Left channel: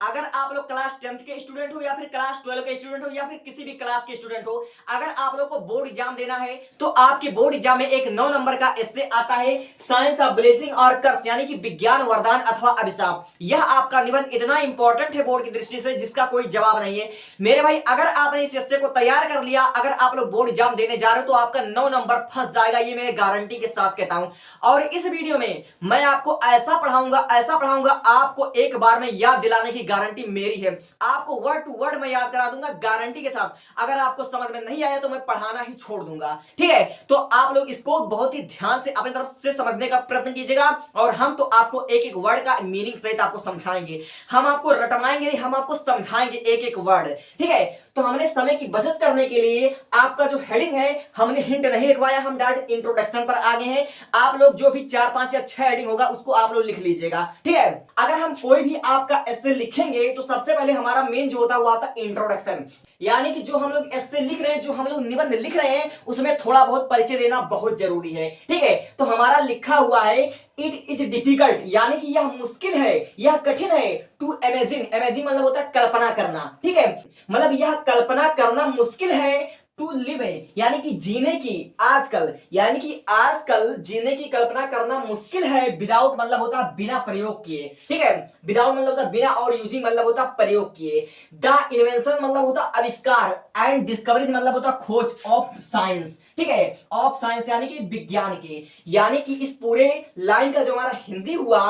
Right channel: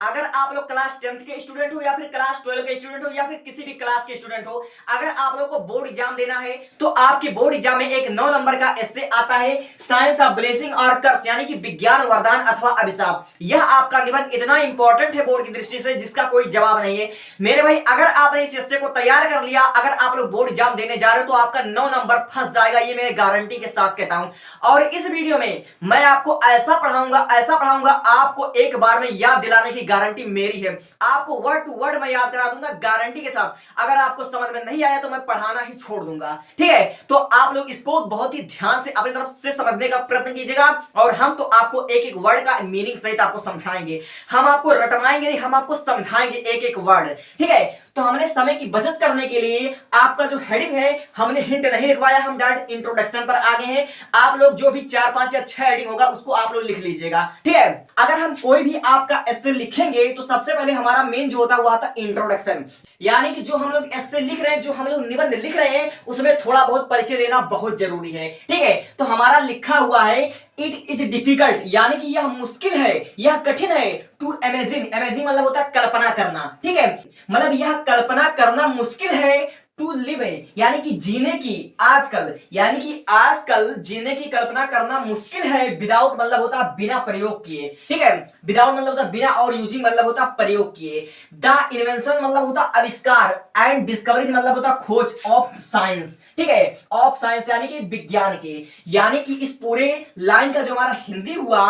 अगर आप लोग क्लास 10th के स्टूडेंट हो या फिर क्लास 12 के स्टूडेंट हो या फिर किसी भी क्लास के स्टूडेंट हो, अगर आप लोग को बोर्ड एग्जाम देना है तो आपके बोर्ड एग्जाम में एक 9 नंबर का एस्से आता है, साइंस ऑफ ब्लेसिंग और कर्स, यानी कि विज्ञान वरदान अथवा अभिशाप। यह आपका निबंध इतना इंपॉर्टेंट है बोर्ड की दृष्टि से जिसका कोई जवाब नहीं है मेरे भाई। अगर आपने इस एस्से को तैयार कर लिया, अगर आप लोग बोर्ड एग्जाम देने जा रहे हो तो आपका 9 नंबर फंस जाएगा, ये मेरे गारंटी के साथ कहता हूं। और इस वीडियो में मैं आपको ऐसा पढ़ाऊंगा आपको एक बार में याद दिलाने की गारंटी मेरी है। आपको वर्ड टू वर्ड मैं याद करा दूंगा गारंटी के साथ। अगर आपको समझ में नहीं आया तो मैं पढ़ाना ही छोड़ दूंगा, ठीक है। तो आप लोग इसको बहुत ही ध्यान से अपनी तरफ से समझने का प्रयत्न कीजिएगा और हम तो आपको एक एक वर्ड का मीनिंग सहित आपको समझाएंगे। हम आपको रटवाएंगे नहीं, हम आपको समझाएंगे एक एक वर्ड, ठीक है। तो हमने समय की बचत करने के लिए आपका जो हेडिंग है हमने हिंट नहीं लिखवाया, हम डायरेक्ट इंट्रोडक्शन पर आ गए हैं। आप लोग जो भी 4 5 या 6 हेडिंग होगा उसको आप लोग लिख लीजिएगा, ठीक है। अगर हम कोई भी आपका एस्से लिखेंगे तो सबसे पहले हमारा मेन जो होता है वो आता है इंट्रोडक्शन, यानी कि जो हम लोग एस्से लिख रहे हैं, जो हम लोग निबंध लिख रहे हैं उसमें थोड़ा बहुत परिचय देना बहुत जरूरी है, ठीक है। तो हमारा लिखा हुआ है इट इज डिफिकल्ट, यानी कि यह मुश्किल है, यह कठिन है, टू इमेजिन, इमेजिन मतलब होता है कल्पना करना, ठीक है। मतलब यह कल्पना करना मुश्किल है, टू लिव है यानी कि जीने की, आजकल यानी कि आजकल जीने की कल्पना करना मुश्किल है, विदाउट मतलब होता है बिना प्रयोग किए, ठीक है। विदाउट मतलब होता है बिना, और यूजिंग मतलब होता है प्रयोग किए। द इन्वेंशन मतलब होता है आविष्कार, एंड डिस्कवरी मतलब होता है खोज ऑफ साइंस, ठीक है। ऑफ साइंस यानी कि विज्ञान के, यानी कि इस पूरे लाइन का जो हमारा हिंदी हुआ,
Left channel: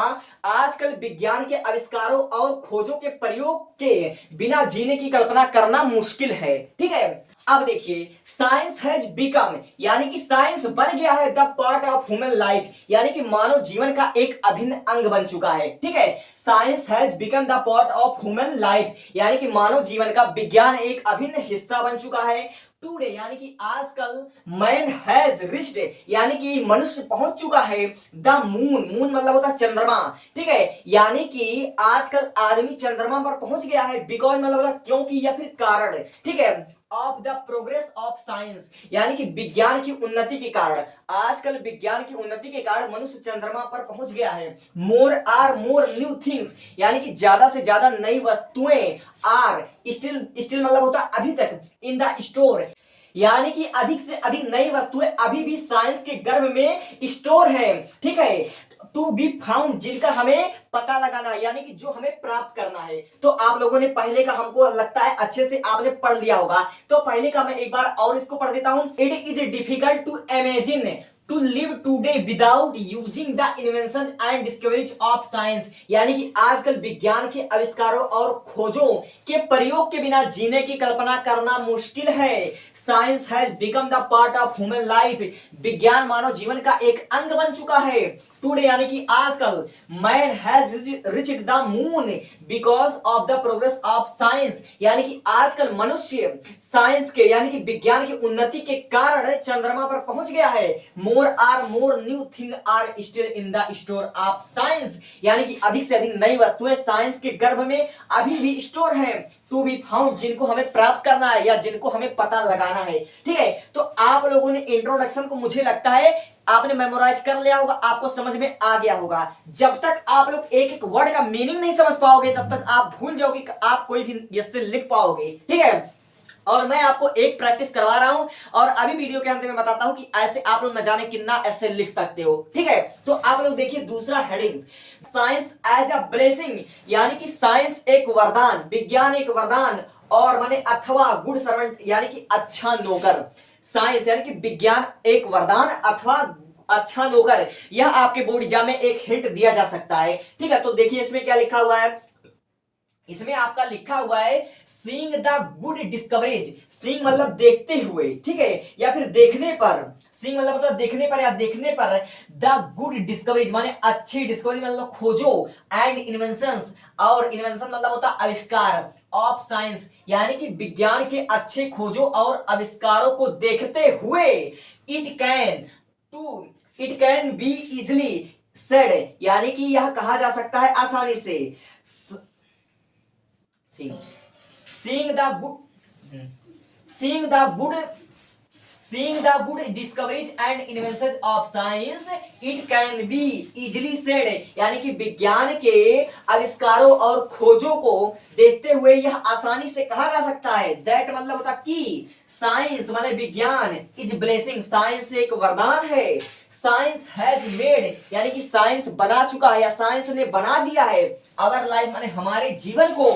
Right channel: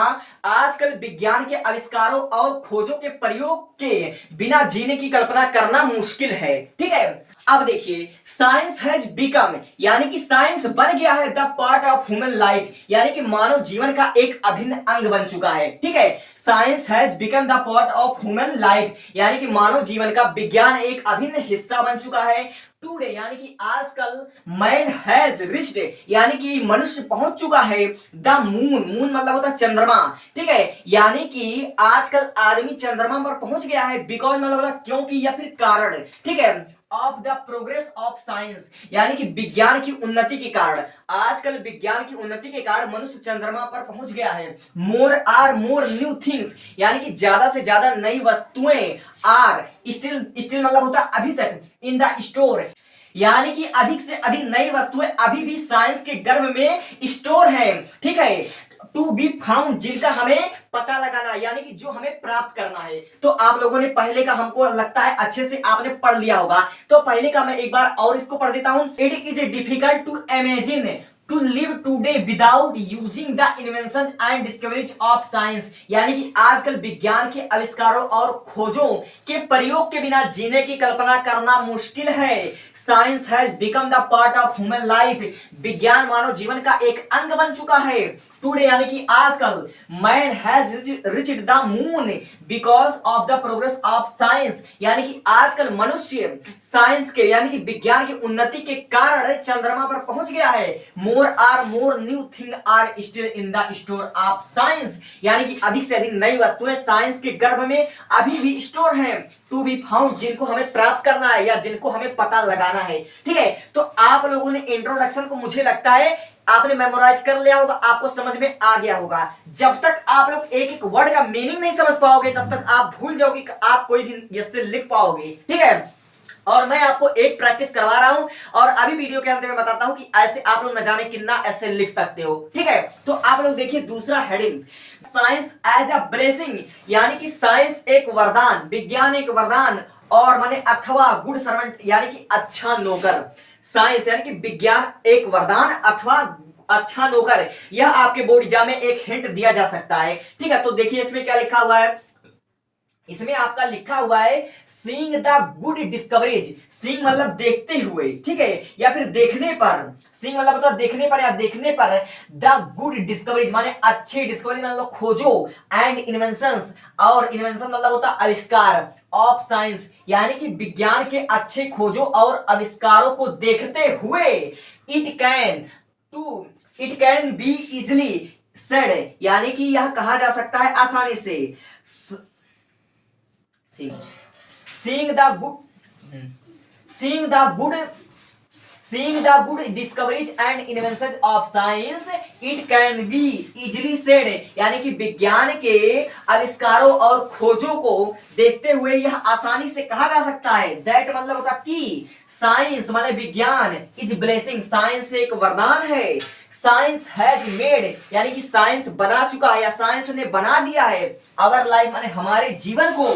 आजकल विज्ञान के आविष्कारों और खोजों के प्रयोग के बिना जीने की कल्पना करना मुश्किल है, ठीक है। अब देखिए, साइंस हैज बिकम, यानी कि साइंस बन गया है the part of human life, यानी कि मानव जीवन का एक अभिन्न अंग बन चुका है, ठीक है। Science has become the part of human life, यानी कि मानव जीवन का विज्ञान एक अभिन्न हिस्सा बन चुका है। टुडे यानी कि आजकल, मैन हैज रिच्ड, यानी कि मनुष्य पहुंच चुका है द मून, मून मतलब होता है चंद्रमा, ठीक है। यानी कि आजकल आदमी चंद्रमा पर पहुंच गया है, बिकॉज मतलब होता है क्योंकि या फिर कारण, ठीक है। Of the progress of science, यानी कि विज्ञान की उन्नति के कारण, आजकल विज्ञान की उन्नति के कारण मनुष्य चंद्रमा पर पहुंच गया है। More or more new things, यानी कि ज्यादा से ज्यादा नई वस्तुएं, आर स्टिल, स्टिल मतलब होता है अभी तक, इन द स्टोर, यानी कि अधिक से अधिक नई वस्तुएं अभी भी साइंस के गर्भ में स्टोर है, ठीक है। टू बी फाउंड, जिनका हमें पता लगाना, यानी कि जो हमें प्राप्त करना है। तो आप लोगों ने पहले का, हमको लगता है अच्छे से आपने पढ़ लिया होगा, तो पहले का मैं एक बार और इसको पढ़ देता हूं। It is difficult to imagine to live today without using the invention and discoveries of science, यानी कि आजकल विज्ञान के आविष्कारों और खोजों के प्रयोग के बिना जीने की कल्पना करना मुश्किल है। Science has become the part of human life, विज्ञान मानव जीवन का एक अंग बन चुका है। टुडे यानी कि आजकल, man has reached the moon because of the progress of science, यानी कि आजकल मनुष्य साइंस के यानी कि विज्ञान की उन्नति के कारण चंद्रमा पर पहुंच गया है। More or more new thing are still in the store of science, यानी कि अधिक से अधिक नई वस्तुएं साइंस के गर्भ में अभी भी स्टोर हैं। टू बी फाउंड, जिनको हमें प्राप्त करना है या जिनको हमें पता लगाना है, ठीक है। तो आप लोगों ने इंट्रोडक्शन को मुझे लगता है आपने मेमोराइज कर लिया होगा, आपको समझ में आ गया होगा। जब तक आप लोग एक एक वर्ड का मीनिंग नहीं समझ पाओगे तब तक आप भूल जाओगे कि आप कोई भी इससे लिख पाओगे, ठीक है। और मैं आपको एक प्रैक्टिस करवा रहा हूं और अभी वीडियो के अंत में बताता हूं कि ऐसे आप लोग न जाने कितना ऐसे लिख सकते हो, ठीक है। तो आप लोग देखिए दूसरा heading, science as a blessing, यानी कि साइंस एक वरदान, विज्ञान एक वरदान, और माने अथवा गुड सर्वेंट यानी कि अच्छा नौकर। साइंस यानी कि विज्ञान एक वरदान अथवा अच्छा नौकर, यह आपके बोर्ड एग्जाम में एक हिंट दिया जा सकता है, ठीक है। तो देखिए इसमें क्या लिखा हुआ है, इसमें आपका लिखा हुआ है seeing the good discoveries, seeing मतलब देखते हुए, ठीक है, या फिर देखने पर, सीइंग मतलब होता है देखने पर या देखने पर, द गुड डिस्कवरीज माने अच्छी डिस्कवरी मतलब खोजो, एंड इन्वेंशंस, और इन्वेंशन मतलब होता है आविष्कार, ऑफ साइंस यानी कि विज्ञान के अच्छे खोजों और आविष्कारों को देखते हुए, to it can be easily said, यानी कि यह कहा जा सकता है आसानी से, seeing the good seeing the good Seeing the good discoveries and inventions of science, it can be easily said, यानी कि विज्ञान के आविष्कारों और खोजों को देखते हुए यह आसानी से कहा जा सकता है दैट मतलब होता कि साइंस मतलब विज्ञान इज ब्लेसिंग, साइंस एक वरदान है, साइंस हैज मेड यानी कि साइंस बना चुका है या साइंस ने बना दिया है आवर लाइफ माने हमारे जीवन को,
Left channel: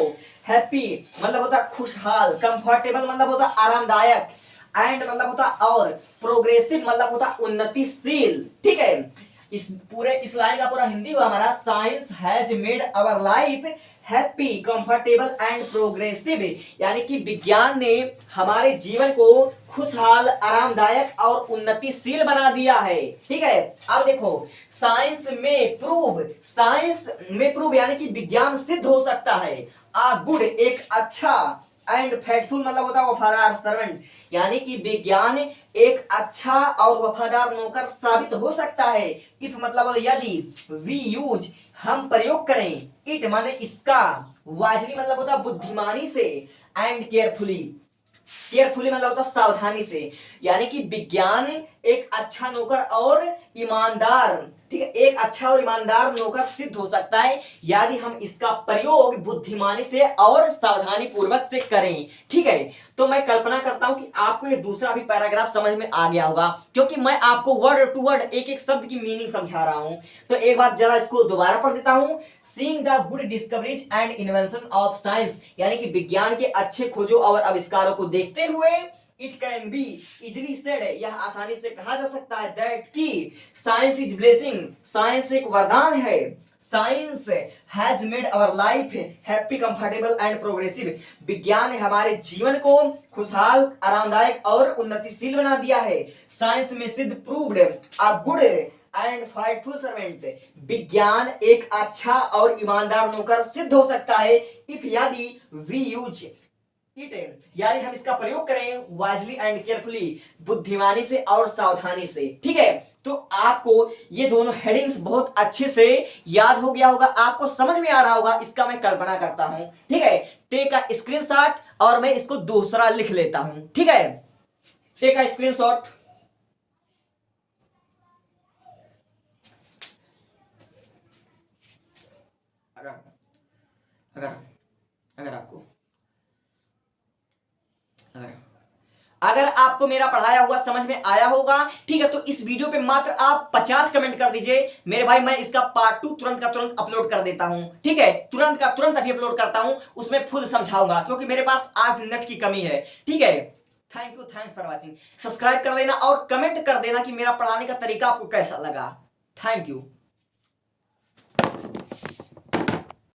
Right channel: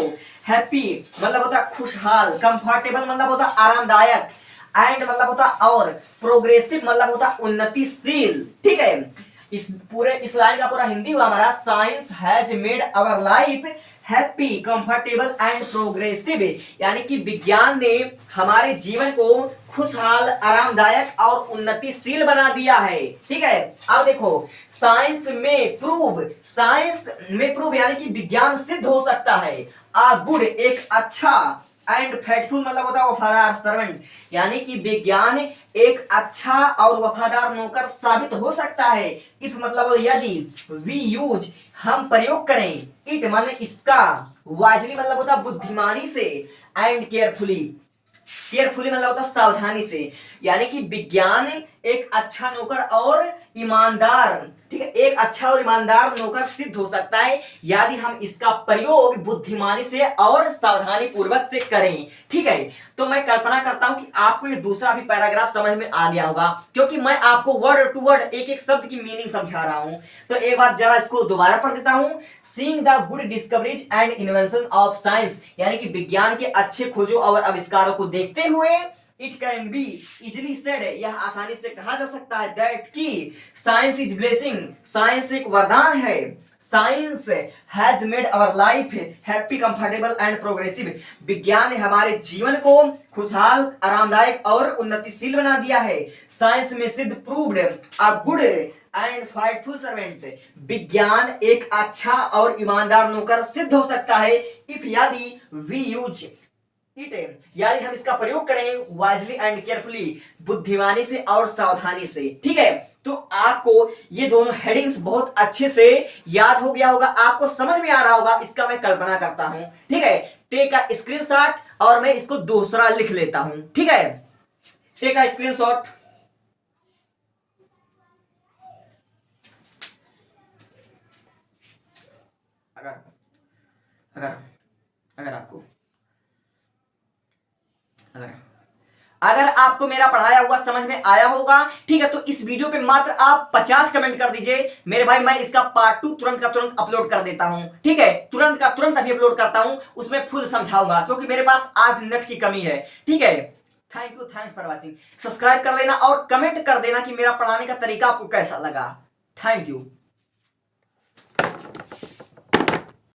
हैप्पी मतलब होता खुशहाल, कंफर्टेबल मतलब होता आरामदायक, एंड मतलब होता और, प्रोग्रेसिव मतलब होता उन्नतिशील। ठीक है, इस लाइन का पूरा हिंदी हुआ हमारा, science has made our life happy comfortable and progressive, यानी कि विज्ञान ने हमारे जीवन को खुशहाल आरामदायक और उन्नतिशील बना दिया है। ठीक है, अब देखो साइंस में प्रूव यानी कि विज्ञान सिद्ध हो सकता है, आ गुड एक अच्छा, एंड फेथफुल मतलब होता है वफादार सर्वेंट, यानी कि विज्ञान एक अच्छा और वफादार नौकर साबित हो सकता है, इफ मतलब यदि, वी यूज हम प्रयोग करें, इट माने इसका, वाइजली मतलब होता बुद्धिमानी से, एंड केयरफुली मतलब होता सावधानी से, यानी कि विज्ञान एक अच्छा नौकर और ईमानदार, ठीक है, एक अच्छा और ईमानदार नौकर सिद्ध हो सकता है यदि हम इसका प्रयोग बुद्धिमानी से और सावधानी पूर्वक से करें। ठीक है, तो मैं कल्पना करता हूं कि आपको ये दूसरा भी पैराग्राफ समझ में आ गया होगा, क्योंकि मैं आपको वर्ड टू वर्ड एक एक शब्द की मीनिंग समझा रहा हूं। तो एक बार जरा इसको दोबारा पढ़ देता हूं। Seeing the good discoveries and invention of science, यानी कि विज्ञान के अच्छे खोजों और आविष्कारों को देखते हुए, it can be easily said यह आसानी से कहा जा सकता है दैट की साइंस इज ब्लेसिंग, साइंस एक वरदान है, science has made our life happy comfortable and progressive, विज्ञान ने हमारे जीवन को खुशहाल आरामदायक और उन्नतिशील बना दिया है, साइंस में सिद्ध proved a good and Fightful servant, विज्ञान एक अच्छा और ईमानदार नौकर सिद्ध हो सकता है इफ यदि वी यूज इट यानी हम इसका प्रयोग करें वाइजली एंड केयरफुली, बुद्धिमानी से और सावधानी से। ठीक है, तो आपको ये दोनों हेडिंग्स बहुत अच्छे से याद हो गया होगा, आपको समझ में आ रहा होगा, इसका मैं कल्पना करता हूं। ठीक है, टेक अ स्क्रीनशॉट और मैं इसको दूसरा लिख लेता हूं। ठीक है, टेक अ स्क्रीनशॉट। अगर अगर आपको अगर आपको मेरा पढ़ाया हुआ समझ में आया होगा, ठीक है, तो इस वीडियो पे मात्र आप 50 कमेंट कर दीजिए मेरे भाई, मैं इसका पार्ट 2 तुरंत का तुरंत अपलोड कर देता हूं। ठीक है, तुरंत का तुरंत अभी अपलोड करता हूं, उसमें फुल समझाऊंगा क्योंकि मेरे पास आज नेट की कमी है। ठीक है, थैंक्स फॉर वॉचिंग। सब्सक्राइब कर लेना और कमेंट कर देना कि मेरा पढ़ाने का तरीका आपको कैसा लगा। Thank you.